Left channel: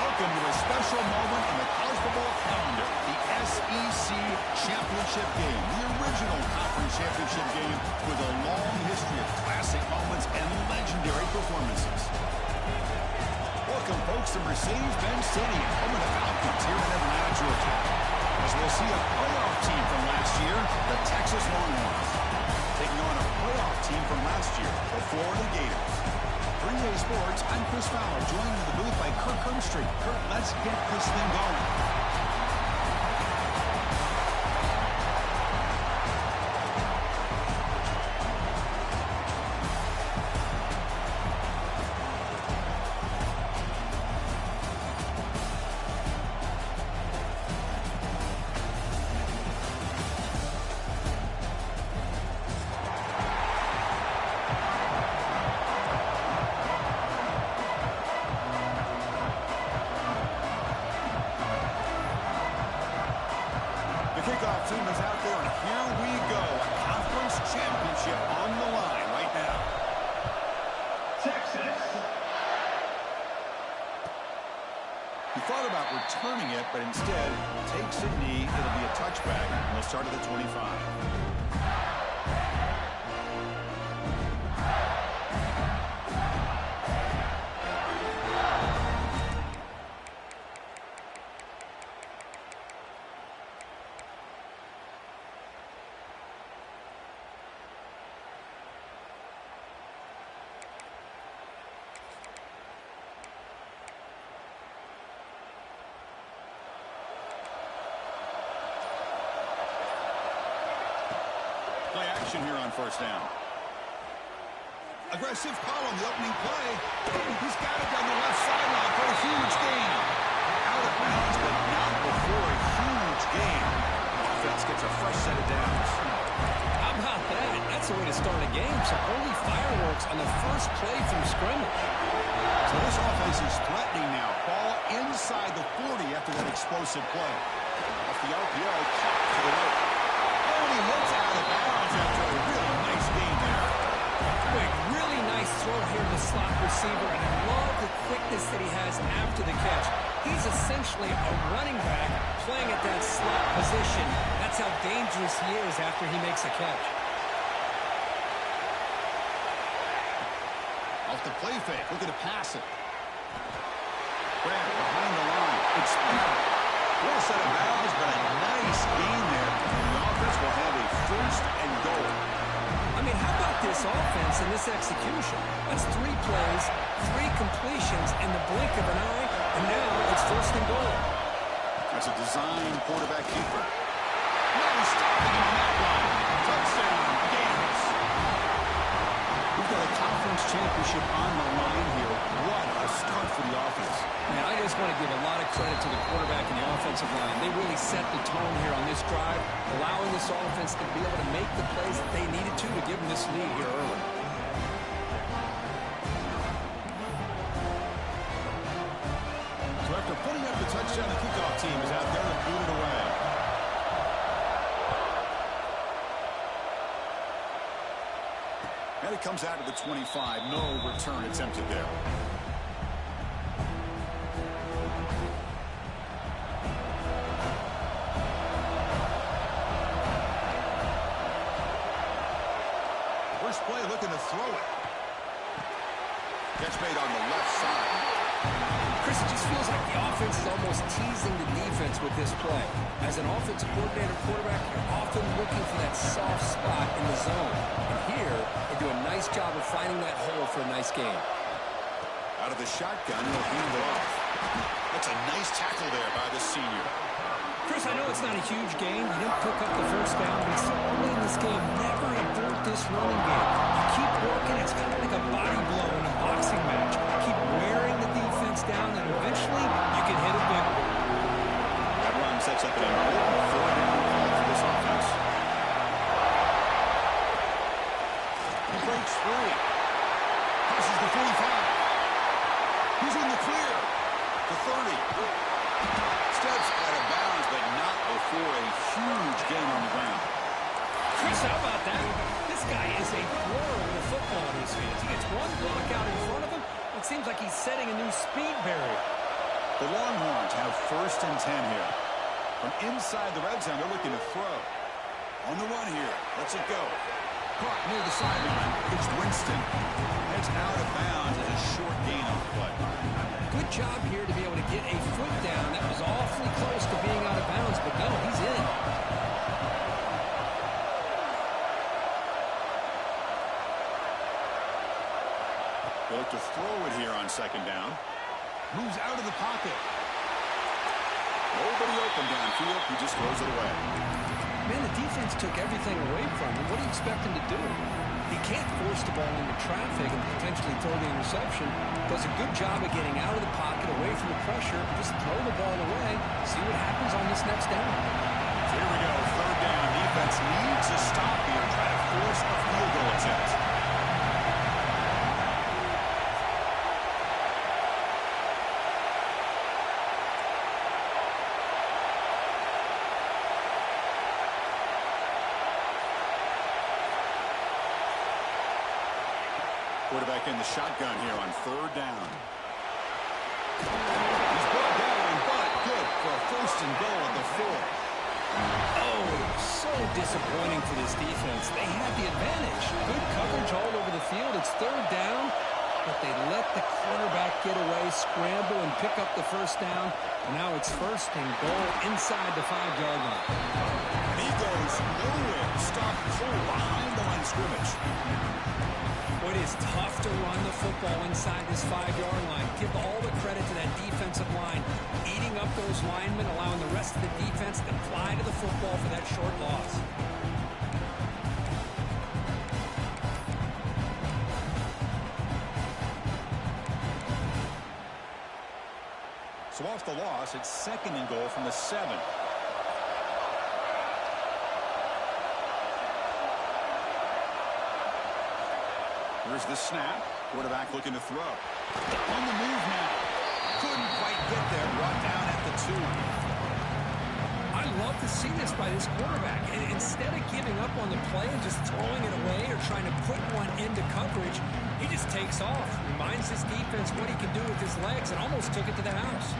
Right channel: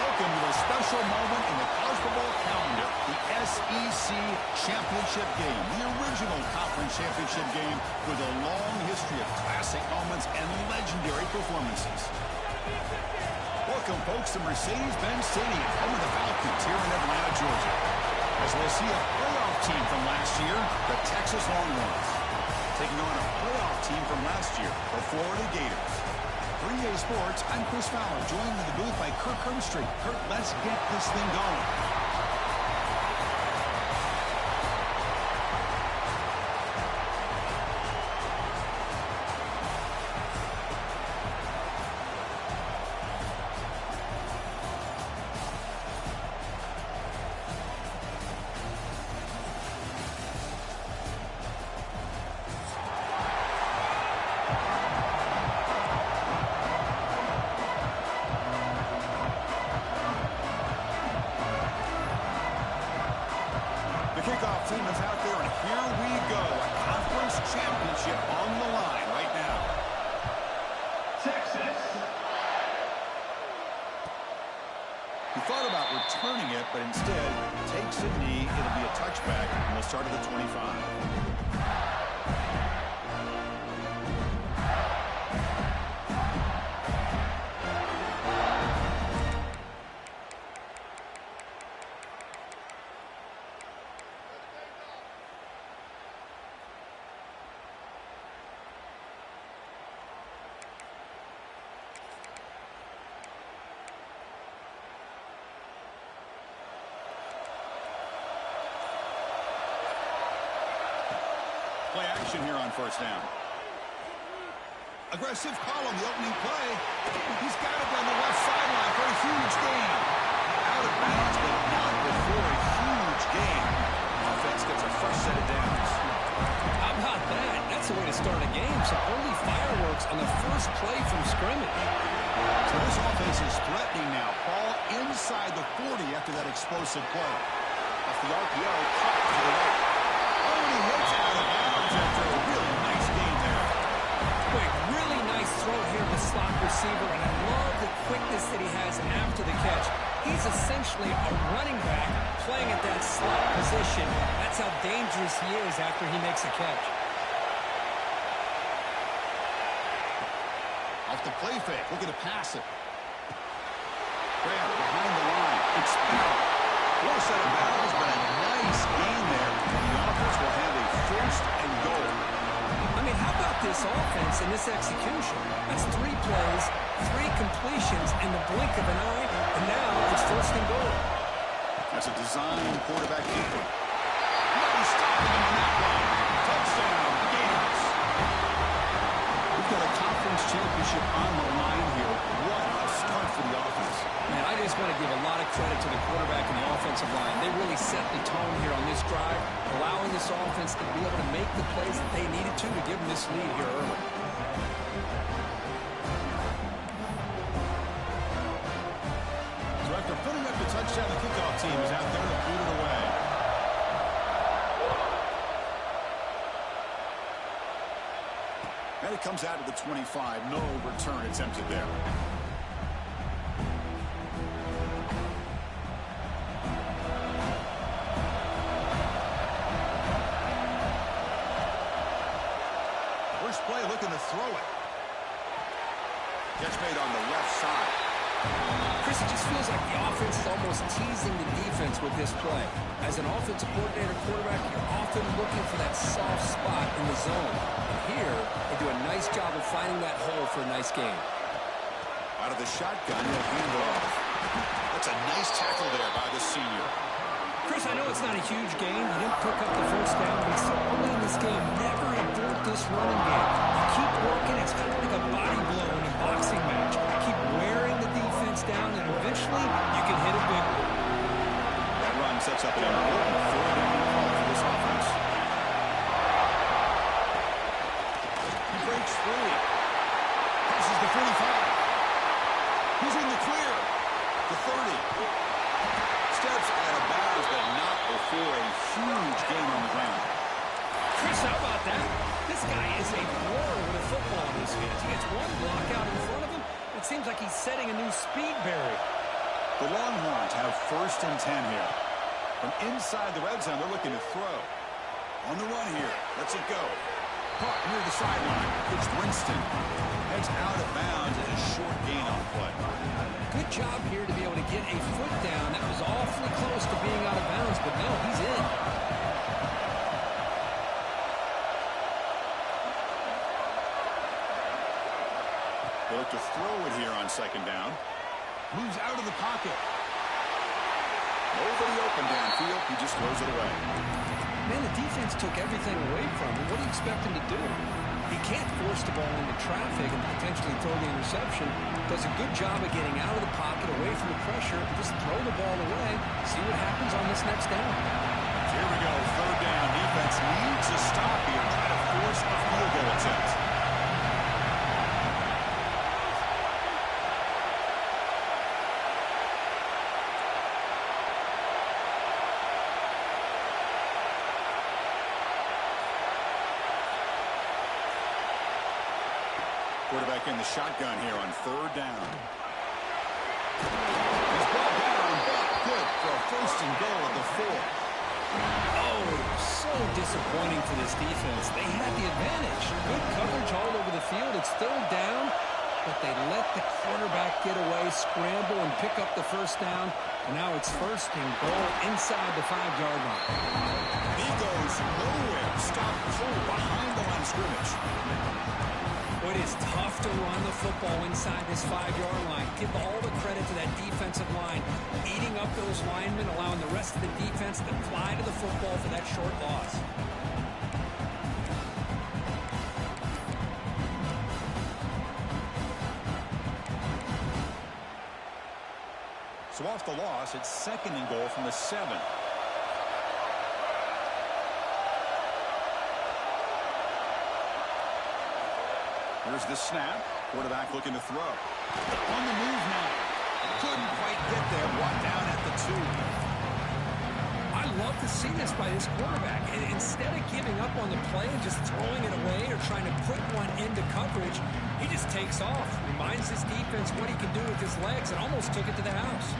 Welcome to a special moment in the college football calendar, the SEC Championship Game, the original conference championship game with a long history of classic moments and legendary performances. Welcome, folks, to Mercedes-Benz Stadium, home of the Falcons here in Atlanta, Georgia, as we'll see a playoff team from last year, the Texas Longhorns, taking on a playoff team from last year, the Florida Gators. 3A Sports, I'm Chris Fowler, joined in the booth by Kirk Herbstreit. Kirk, let's get this thing going. The kickoff team is out there, and here we go. A conference championship on the line right now. Texas. He thought about returning it, but instead takes a knee. It'll be a touchback, and they'll start at the 25. Play action here on first down. Aggressive call on the opening play. He's got it down the left sideline for a huge gain. Out of bounds, but not before a huge gain. Offense gets a fresh set of downs. How about that? That's the way to start a game. Some early fireworks on the first play from scrimmage. So this offense is threatening now. Ball inside the 40 after that explosive play. Off the RPO, caught to the right. Oh, and he hits out of bounds after a really nice game there. Quick, really nice throw here to the slot receiver, and I love the quickness that he has after the catch. He's essentially a running back playing at that slot position. That's how dangerous he is after he makes a catch. Off the play fake, looking to pass it. Grab behind the line. It's Barrett. Poor set of bounds, but a nice gain there. And the offense will have a first and goal. I mean, how about this offense and this execution? That's 3 plays, 3 completions in the blink of an eye, and now it's first and goal. That's a design quarterback keeper. No stopping him on that one. Touchdown, Gators. We've got a conference championship on the line here. What a start for the offense. Man, I just want to give a lot of credit to the quarterback and the offensive line. They really set the tone here on this drive, allowing this offense to be able to make the plays that they needed to give them this lead here early. So after putting up the touchdown, the kickoff team is out there to boot it away. And it comes out to the 25. No return attempted there. First play looking to throw it. Catch made on the left side. Chris, it just feels like the offense is almost teasing the defense with this play. As an offensive coordinator quarterback, you're often looking for that soft spot in the zone. And here, they do a nice job of finding that hole for a nice gain. Out of the shotgun, he'll hand it off. That's a nice tackle there by the senior. Chris, I know it's not a huge game. You didn't pick up the first down, but so early in this game, never abort this running game. You keep working. It's kind of like a body blow in a boxing match. Keep wearing the defense down, and eventually you can hit a big one. That run sets up an important 4-down call for this offense. He breaks free. Crosses the 45. He's in the clear. The 30. Steps out of bounds, but not before a huge gain on the ground. Chris, how about that? This guy is a blur with a football in his hands. He gets one block out in front of him. It seems like he's setting a new speed barrier. The Longhorns have 1st and 10 here. From inside the red zone, they're looking to throw. On the run here. Lets it go. Caught near the sideline. It's Winston. Heads out of bounds as a short gain on the play. Good job here to be able to get a foot down. That was awfully close to being out of bounds, but no, he's in. They look to throw it here on 2nd down. Moves out of the pocket. Nobody open downfield. He just throws it away. Man, the defense took everything away from him. What do you expect him to do? He can't force the ball into traffic and potentially throw the interception. Does a good job of getting out of the pocket, away from the pressure, and just throw the ball away. See what happens on this next down. Here we go. 3rd down. Defense needs a stop here. Try to force a field goal attempt. Quarterback in the shotgun here on 3rd down. He's brought down, but good for a 1st and goal at the 4. Oh, so disappointing for this defense. They had the advantage. Good coverage all over the field. It's 3rd down, but they let the quarterback get away, scramble, and pick up the 1st down. And now it's 1st and goal inside the 5-yard line. He goes nowhere. Stop cold behind the line of scrimmage. It is tough to run the football inside this 5-yard line. Give all the credit to that defensive line, eating up those linemen, allowing the rest of the defense to fly to the football for that short loss. So off the loss, it's 2nd and goal from the 7. Here's the snap. Quarterback looking to throw. On the move now. Couldn't quite get there. Brought down at the 2. I love to see this by this quarterback. And instead of giving up on the play and just throwing it away or trying to put one into coverage, he just takes off. Reminds his defense what he can do with his legs and almost took it to the house.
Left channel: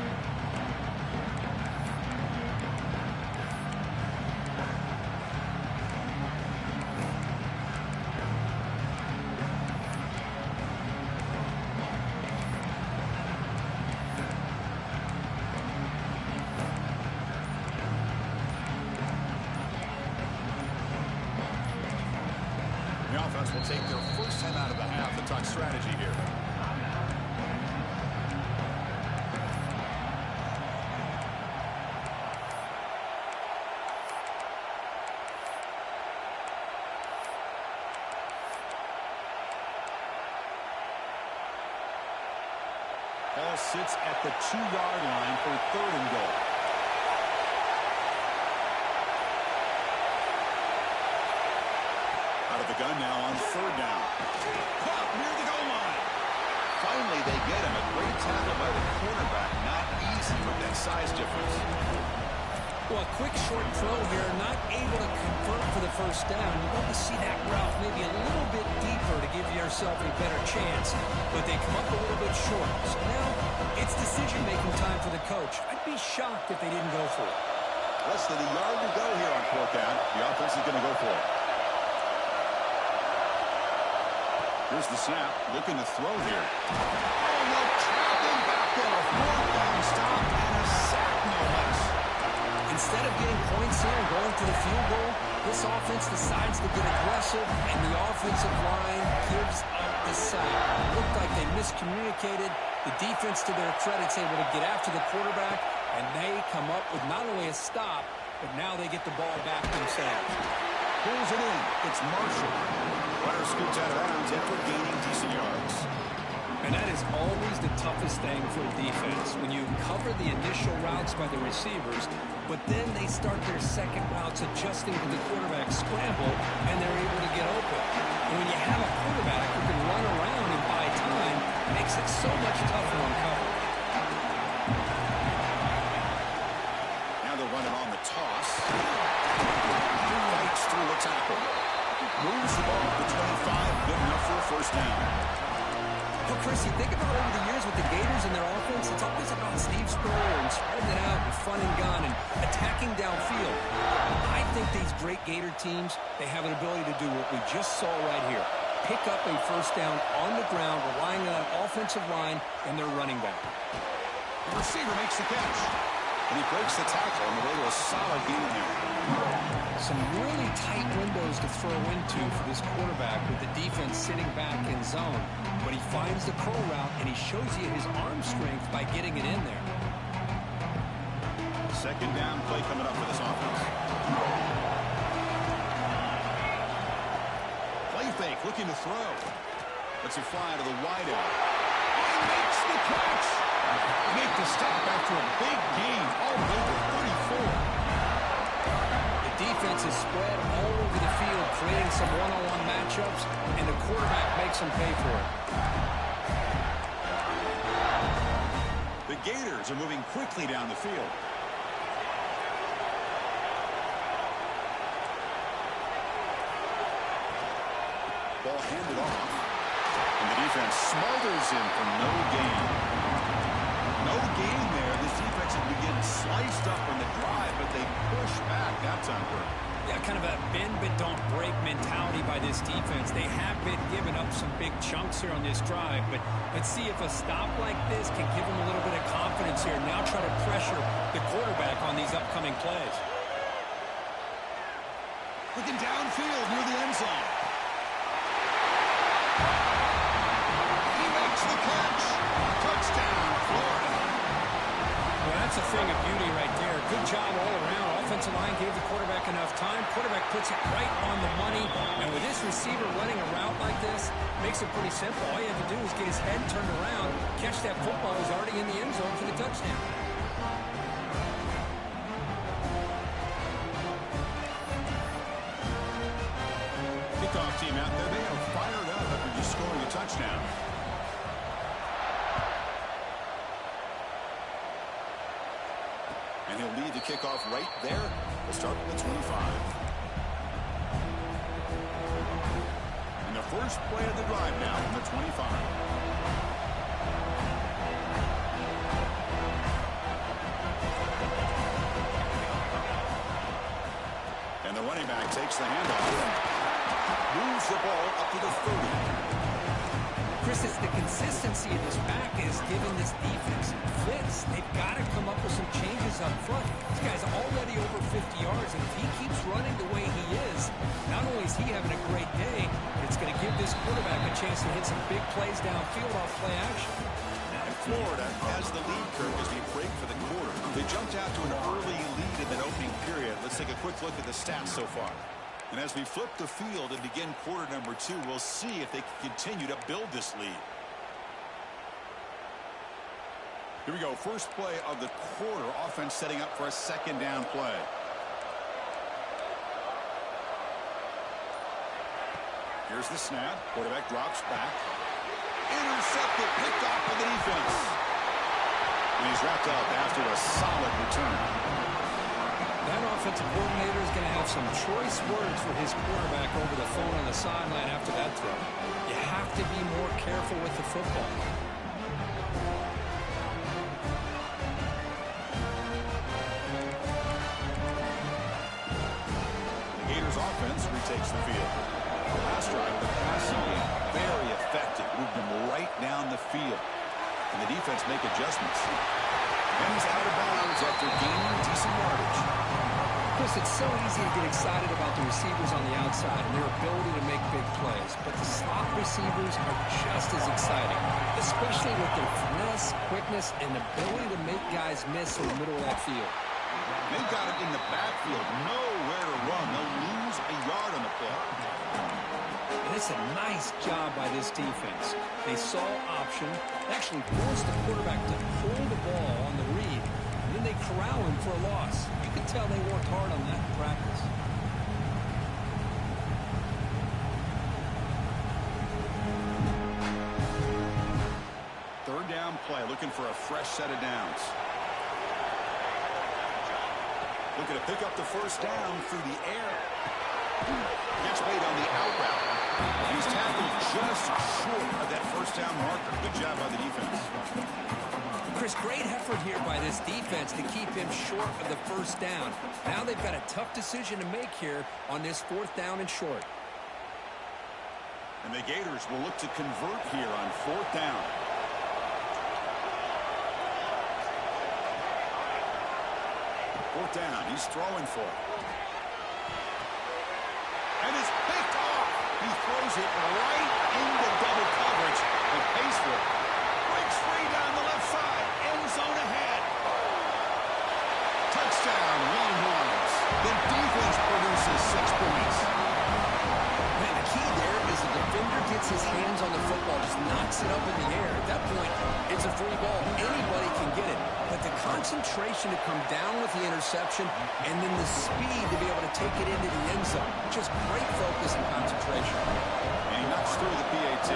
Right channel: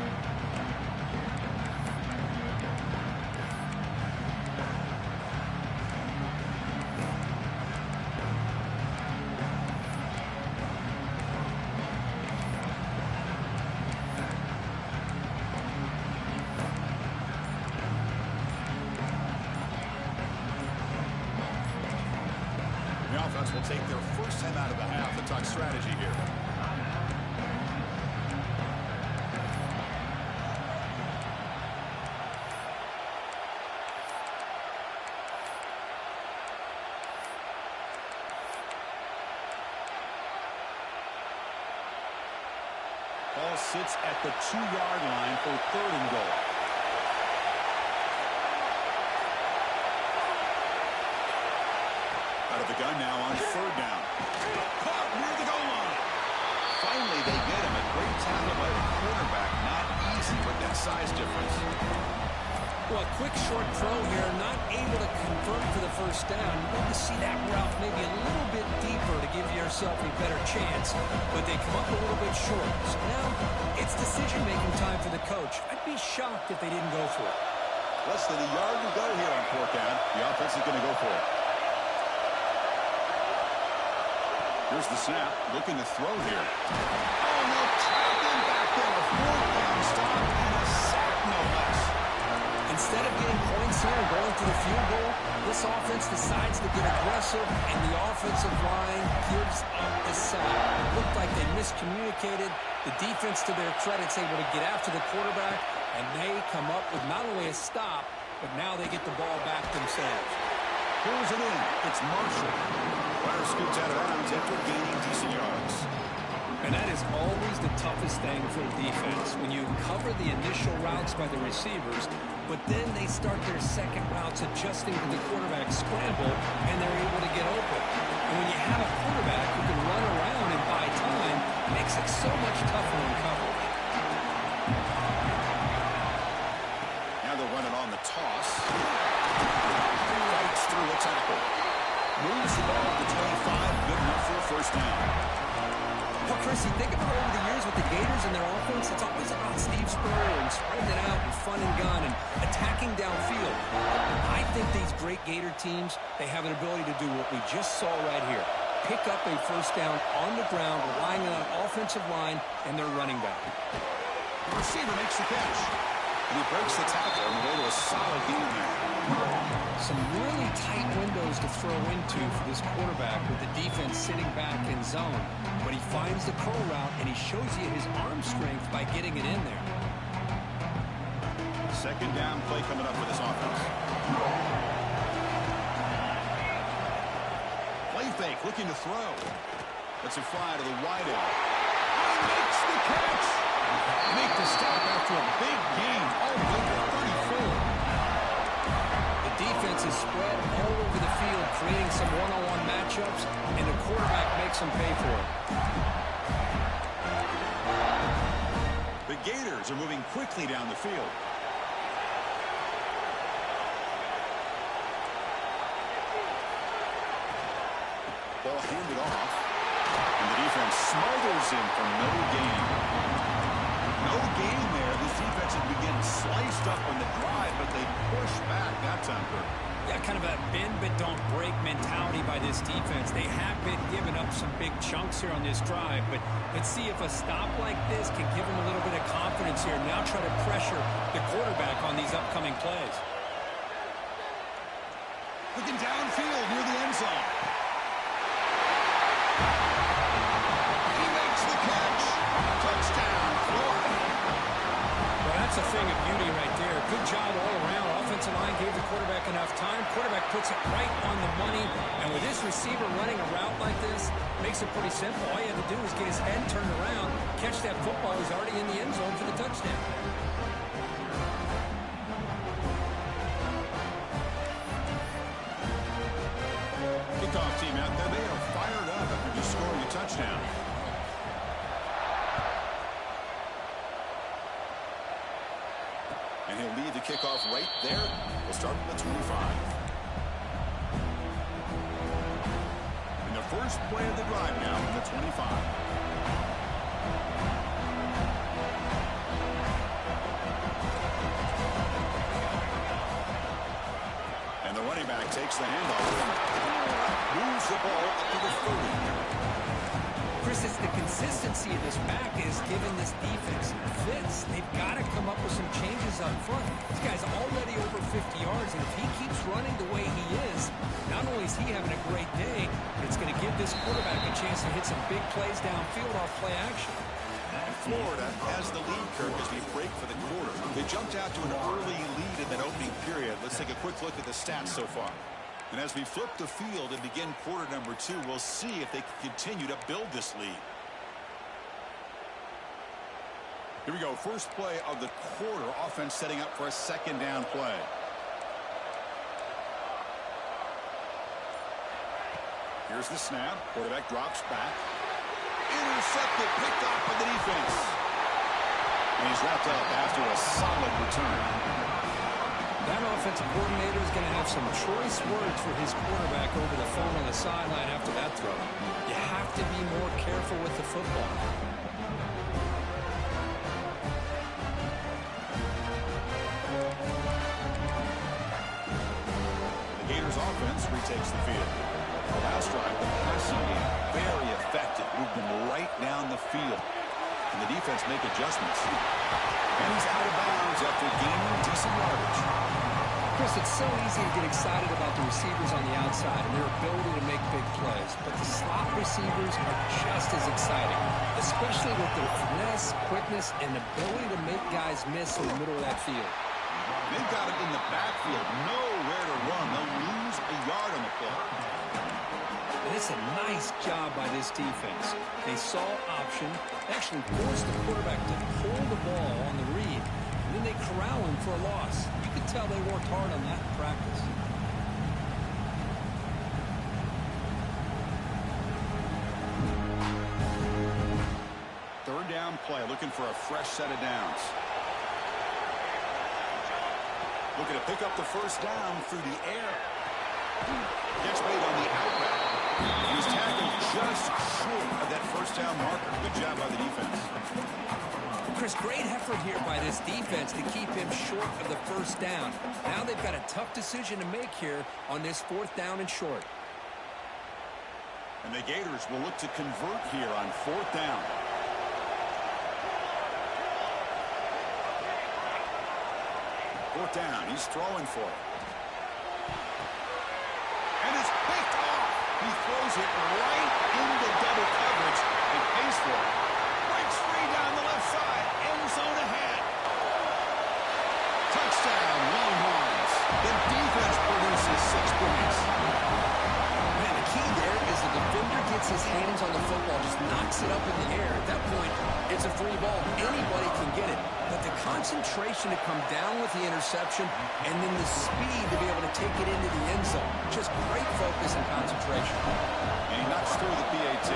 Will take their 1st time out of the half to talk strategy here. Ball sits at the 2-yard line for 3rd and goal. Out of the gun now on 3rd down. Caught near the goal line. Finally, they get him. A great tackle by the quarterback. Not easy with that size difference. Well, a quick short throw here. Not able to convert for the 1st down. You'd love to see that route maybe a little bit deeper to give yourself a better chance. But they come up a little bit short. So now it's decision-making time for the coach. I'd be shocked if they didn't go for it. Less than a yard to go here on 4th down. The offense is going to go for it. Here's the snap, looking to throw here. Oh, no, trapped in back there. A 4th down stop and a sack, no less. Instead of getting points here and going to the field goal, this offense decides to get aggressive, and the offensive line gives up the sack. It looked like they miscommunicated. The defense, to their credit, is able to get after the quarterback, and they come up with not only a stop, but now they get the ball back themselves. Pulls it in. It's Marshall. Runner scoots out of bounds after gaining decent yards. And that is always the toughest thing for a defense, when you cover the initial routes by the receivers, but then they start their second routes adjusting to the quarterback scramble, and they're able to get open. And when you have a quarterback who can run around and buy time, it makes it so much tougher on coverage. Now they're running on the toss. Fights through a tackle. Moves the ball up to 25. Good enough for a 1st down. Well, Chris, you think about over the years with the Gators and their offense, it's always about Steve Spurrier and spreading it out and fun and gun and attacking downfield. I think these great Gator teams, they have an ability to do what we just saw right here. Pick up a first down on the ground, relying on an offensive line and their running back. The receiver makes the catch, and he breaks the tackle on the way to a solid gain there. Some really tight windows to throw into for this quarterback with the defense sitting back in zone. But he finds the curl route, and he shows you his arm strength by getting it in there. Second down play coming up for this offense. Play fake, looking to throw. Lets it fly to the wideout. He makes the catch. They make the stop after a big gain all the way to 34. The defense is spread all over the field, creating some one-on-one matchups, and the quarterback makes them pay for it. The Gators are moving quickly down the field. Ball handed off, and the defense smothers him for no gain. No gain there. This defense had been getting sliced up on the drive, but they push back that time. Yeah, kind of a bend but don't break mentality by this defense. They have been giving up some big chunks here on this drive, but let's see if a stop like this can give them a little bit of confidence here. Now try to pressure the quarterback on these upcoming plays. Looking downfield near the end zone. He makes the catch. Touchdown, Florida. Well, that's a thing of beauty right there. Good job all around. Offensive line gave the quarterback enough time. Quarterback puts it right on the money. And with this receiver running a route like this, makes it pretty simple. All you have to do is get his head turned around, catch that football. He's already in the end zone for the touchdown. Kickoff team out there. They are fired up after just scoring a touchdown. And he'll lead the kickoff right there. We'll start with the 25. And the first play of the drive now from the 25. And the running back takes the handoff and moves the ball up to the 30. Chris, it's the consistency of this back is giving this defense fits. They've got to come up with some changes up front. This guy's already over 50 yards, and if he keeps running the way he is, not only is he having a great day, but it's going to give this quarterback a chance to hit some big plays downfield off play action. And Florida has the lead, Kirk, as we break for the quarter. They jumped out to an early lead in that opening period. Let's take a quick look at the stats so far. And as we flip the field and begin quarter number 2, we'll see if they can continue to build this lead. Here we go. First play of the quarter. Offense setting up for a second down play. Here's the snap. Quarterback drops back. Intercepted. Picked off by the defense. And he's wrapped up after a solid return. That offensive coordinator is going to have some choice words for his quarterback over the phone on the sideline after that throw. You have to be more careful with the football. The Gators offense retakes the field. The last drive, the passing game, very effective. Moved them right down the field. And the defense make adjustments. And he's out of bounds after gaining decent yardage. Chris, it's so easy to get excited about the receivers on the outside and their ability to make big plays. But the slot receivers are just as exciting, especially with their finesse, quickness, and ability to make guys miss in the middle of that field. They've got it in the backfield, nowhere to run. They'll lose a yard on the play. And it's a nice job by this defense. They saw option, actually forced the quarterback to pull the ball on the read, and then they corral him for a loss. You can tell they worked hard on that in practice. Third down play, looking for a fresh set of downs. Looking to pick up the first down through the air. Catch made on the out route. And he's tackled just short of that first down marker. Good job by the defense. Chris, great effort here by this defense to keep him short of the first down. Now they've got a tough decision to make here on this 4th down and short. And the Gators will look to convert here on 4th down. Fourth down, he's throwing for it. And it's picked off. He throws it right into double coverage and pays for it. Breaks free down the left side. End zone ahead. Touchdown, Longhorns. The defense produces 6 points. Man, the key there is the defender gets his hands on the football, just knocks it up in the air. At that point, it's a free ball. Anybody can get it. But the concentration to come down with the interception and then the speed to be able to take it into the end zone. Just great focus and concentration. And he knocks through the PAT.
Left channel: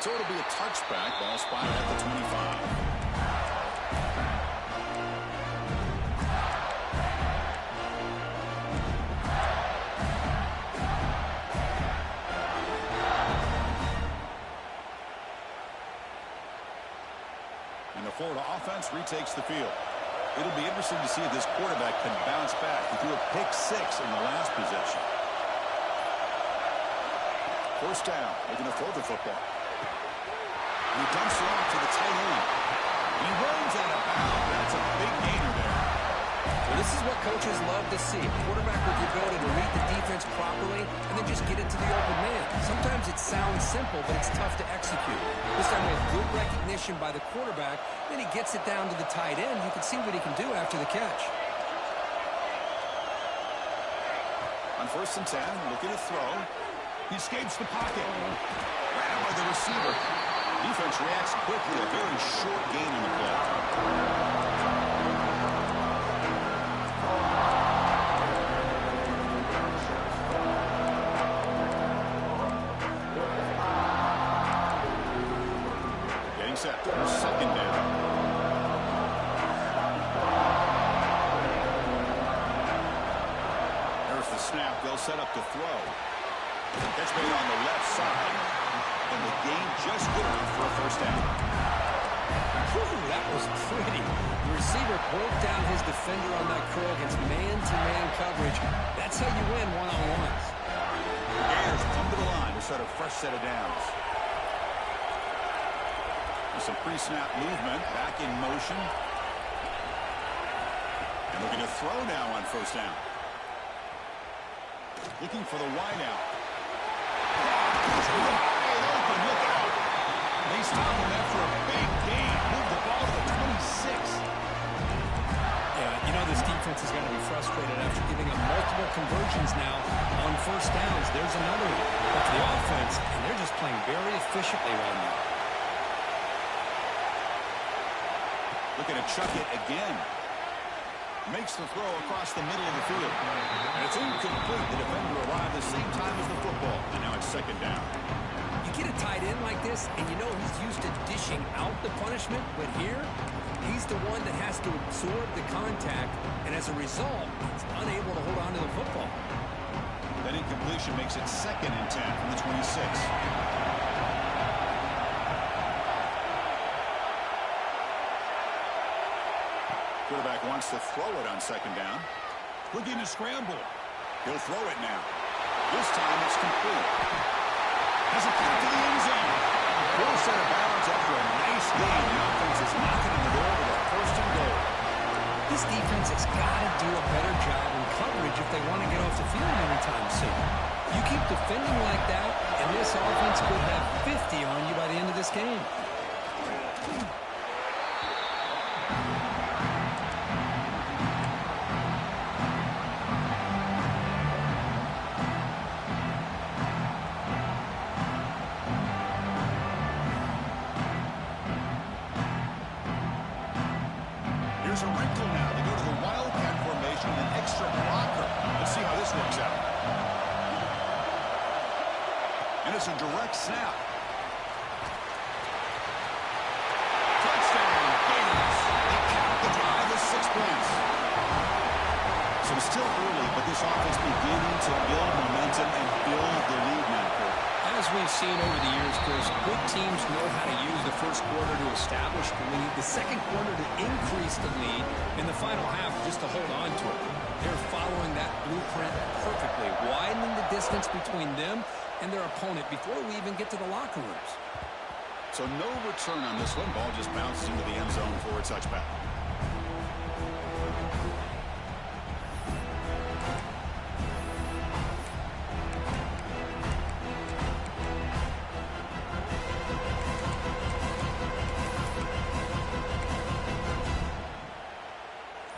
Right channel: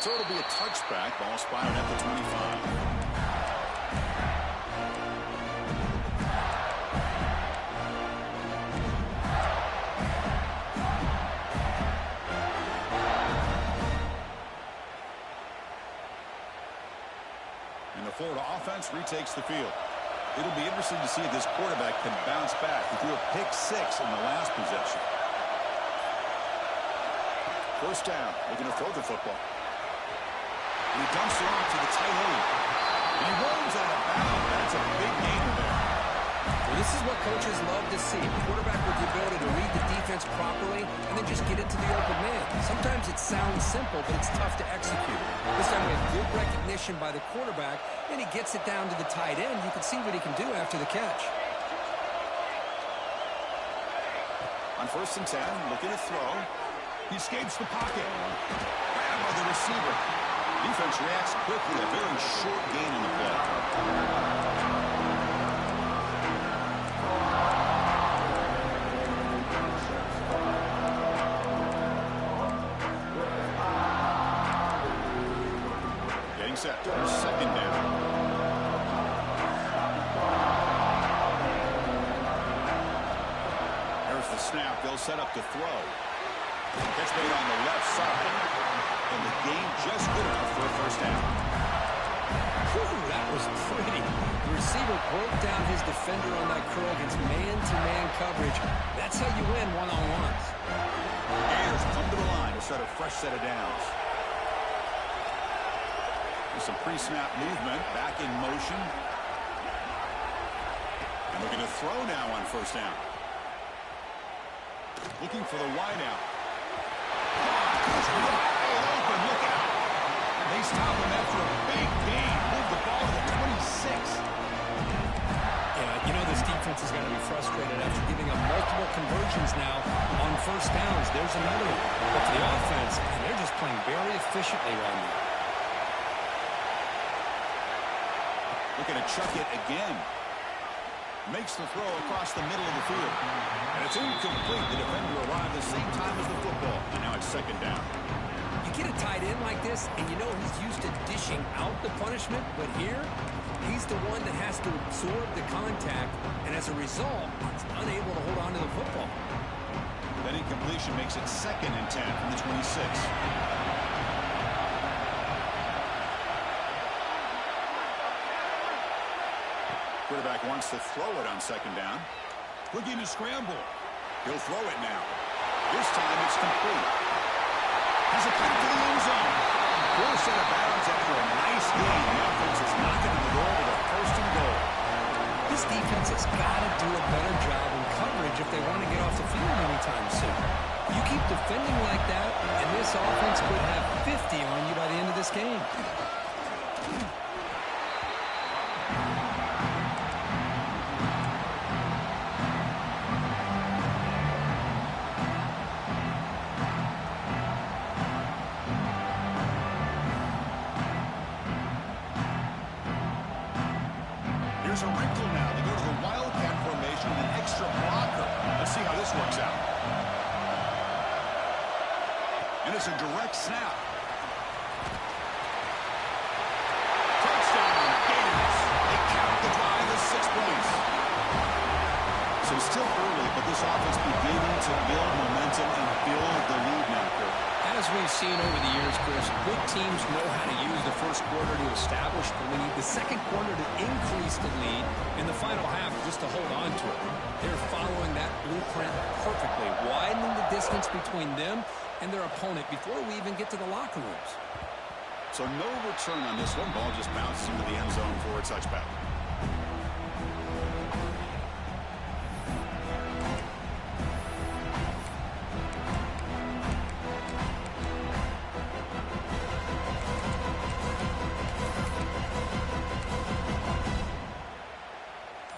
So it'll be a touchback. Ball spotted at the 25. And the Florida offense retakes the field. It'll be interesting to see if this quarterback can bounce back. He threw a pick 6 in the last possession. First down, looking to throw the football. And he dumps it off to the tight end. And he runs out of bounds. That's a big gainer there. Well, this is what coaches love to see. A quarterback with the ability to read the defense properly and then just get it to the open man. Sometimes it sounds simple, but it's tough to execute. This time we have good recognition by the quarterback. Then he gets it down to the tight end. You can see what he can do after the catch. On 1st and 10, looking to throw. He escapes the pocket. Grabbed by the receiver. Defense reacts quickly. A very short gain on the play. Set for 2nd down. There's the snap. They'll set up to throw. Catch made on the left side. And the gain just good enough for a first down. Whew, that was pretty. The receiver broke down his defender on that curl against man-to-man coverage. That's how you win one-on-ones. The Gators come to the line to start a fresh set of downs. With some pre-snap movement, back in motion. And looking to throw now on 1st down. Looking for the wideout. Wide open, look out. They stop him after a big gain. Move the ball to the 26. Yeah, you know this defense has got to be frustrated after giving up multiple conversions now on 1st downs. There's another one. But for the offense, and they're just playing very efficiently right now. Looking to chuck it again. Makes the throw across the middle of the field. And it's incomplete. The defender arrived the same time as the football. And now it's 2nd down. You get a tight end like this, and you know he's used to dishing out the punishment. But here, he's the one that has to absorb the contact. And as a result, he's unable to hold on to the football. That incompletion makes it 2nd and 10 from the 26. Quarterback wants to throw it on 2nd down. Looking to scramble. He'll throw it now. This time it's complete. Has a pass to the end zone. Forced out of bounds after a nice gain. The offense is knocking on the door with a 1st and goal. This defense has got to do a better job in coverage if they want to get off the field anytime soon. You keep defending like that, and this offense could have 50 on you by the end of this game. Here's a wrinkle now. They go to the Wildcat formation with an extra blocker. Let's see how this works out. And it's a direct snap. Touchdown, Gators. They count the drive as 6 points. So it's still early, but this offense beginning to build momentum and build the lead now, Kurt. As we've seen over the years, Chris, good teams know how to use the first quarter to establish the lead, the second quarter to increase the lead, and the final half just to hold on to it. They're following that blueprint perfectly, widening the distance between them and their opponent before we even get to the locker rooms. So no return on this one. Ball just bounces into the end zone for a touchback.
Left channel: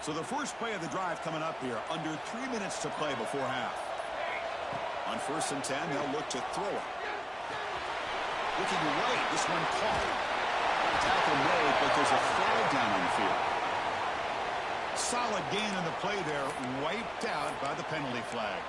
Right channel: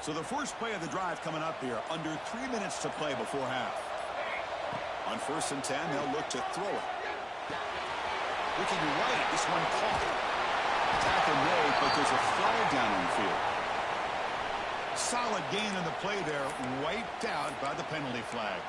So the first play of the drive coming up here. Under 3 minutes to play before half. On 1st and 10, they'll look to throw it. Looking right, this one caught. Tackle made, but there's a flag down on the field. Solid gain on the play there, wiped out by the penalty flag.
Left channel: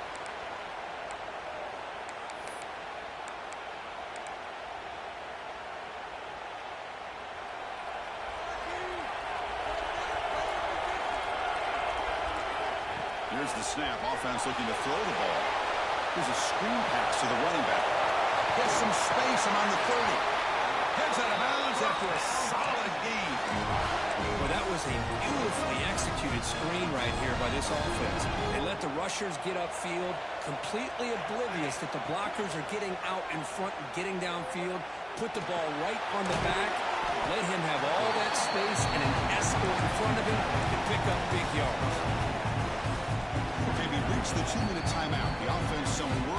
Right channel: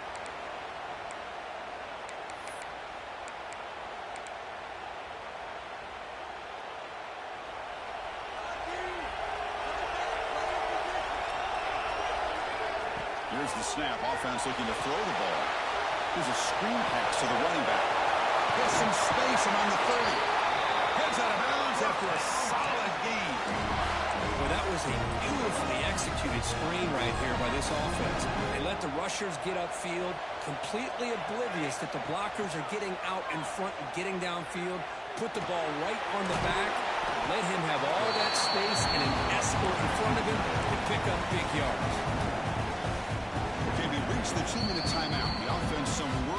Here's the snap. Offense looking to throw the ball. Here's a screen pass to the running back. Gets some space around the 30. Heads out of bounds after a solid gain. Well, that was a beautifully executed screen right here by this offense. They let the rushers get upfield, completely oblivious that the blockers are getting out in front and getting downfield. Put the ball right on the back. Let him have all that space and an escort in front of him to pick up big yards. Okay, we reached the 2-minute timeout. The offense some work.